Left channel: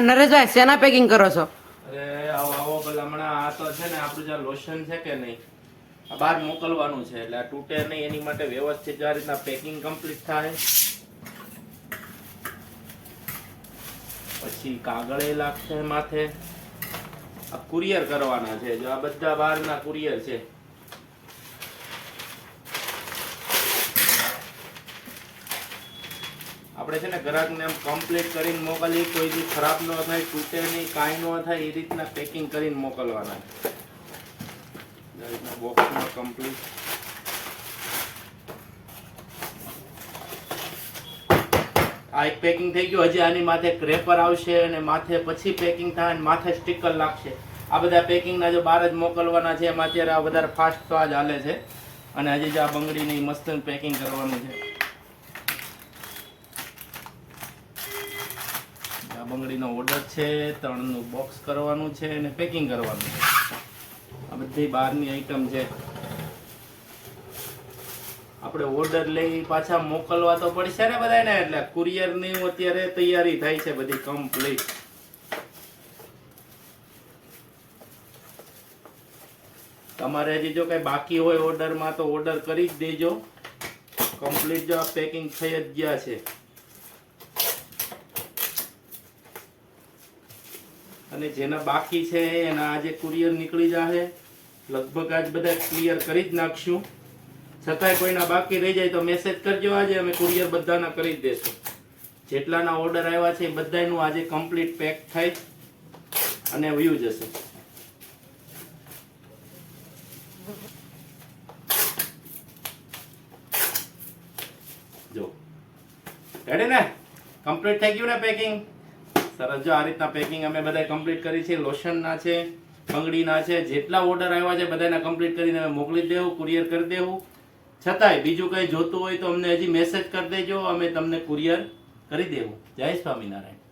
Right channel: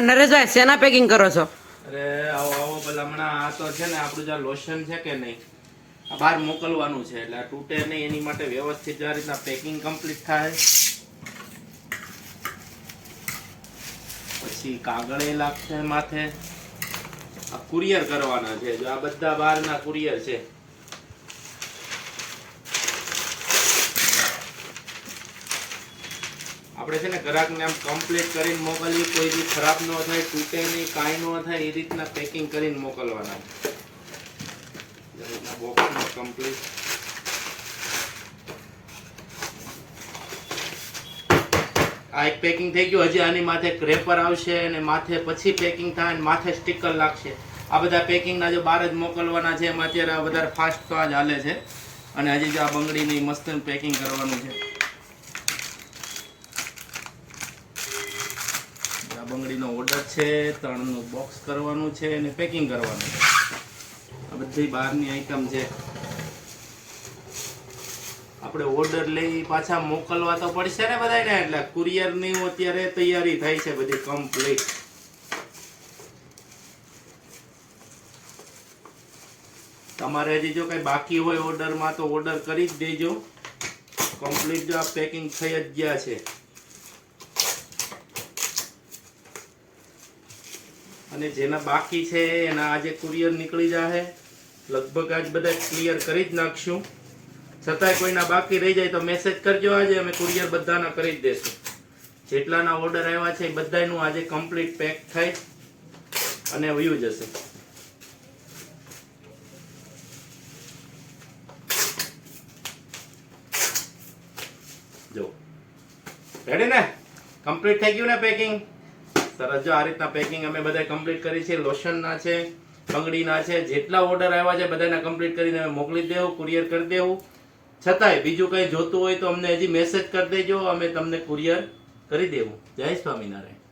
નરેશભાઈ શેના પેકિંગ કરો છો? અરે આવો આવો ભલા હમણાં આ તો છે ને આપણું જે લોશન છે કે નહીં, આ બહાર મોકલવાનું છે એટલે આ તૂટે નહીં એની માટે વ્યવસ્થિત આ રીતના પેકિંગ કમ્પ્લીટ થાય. પછી કાગળ એ લાગશે માથે. આ કુરિયર કરવાના છે, જો આ બધા બહારના કુરિયર છે. આપણે છે ને ગ્રાહકને આમ કમ્પ્લીટ કરીને મોકલીએ, કોઈ બી ખરાબ ન થાય, તૂટે નહીં, કાંઈ ન થાય એ રીતના પેકિંગ કરીને મોકલવાના. બોક્સમાં કમ્પ્લીટ આ એક પેકિંગ થઈ ગયું. હજી આની માથે ક્રેપર આવશે અને માથે પછી પેકિંગ થાય અને માથે સ્ટીકર લાગશે. આ બધા પેકિંગના જો બહાર જ મોકલવાના છે. એમાં અત્યારે આ વધારે ફાસ્ટ તો આ જ હાલે છે. અને હજી જો આ બંગડીની મસ્ત પેકિંગ કરવાનું છે. બંગડીનો ઓર્ડર છે, 3નું બોક્સ કરવાનું છે અને પેકિંગ કરવાનું છે. આ બધી બહારની આઈટમ છે. આપણે ઓર્ડર લઈ પાછા મોકલવા તો પડશે ને બધાને, એટલે કુરિયરની અત્યારે તૈયારી થાય છે બધી કમ્પ્લીટ. તમારે હજી જો કઈ બાકી હોય ઓર્ડરમાં તો ઓર્ડર કરી જ દેજો. કમ્પ્લીટ જો આ પેકિંગ થઈ જ ગયા છે. અને જેના બાકી છે એના આજે કુરિયર નીકળી જશે. લગભગ આજ બધા ક્લિયર કરી જ નાખશું. છતાંય કોઈના બાકી રહી જાય તો મેસેજ કરજો, આજે અમે કુરિયર બધાના કરી જ દેશું. જેટલાના ઓર્ડર આવ્યા છે એ બધાનું આજે કમ્પ્લીટ પેક થાય અને વયું જશે. જો રેડી ને, કમ્પ્લીટ થઈ ગયું ને પેકિંગ. સરસ. જો આ રીતના પેકિંગ અમે બધા કમ્પ્લીટ કરી છે. લોશનના છે, બંગડીના છે, જેટલા ઓર્ડર આવ્યા છે બધાના કમ્પ્લીટ કરીને અમે મોકલી દેવું, કુરિયર કરી દેવું. છતાંય બીજું કંઈ જોતું હોય તો અમને હજી મેસેજ કરી દેજો, અમે તમને કુરિયર કરી દેવું. જય સ્વામિનારાયણ.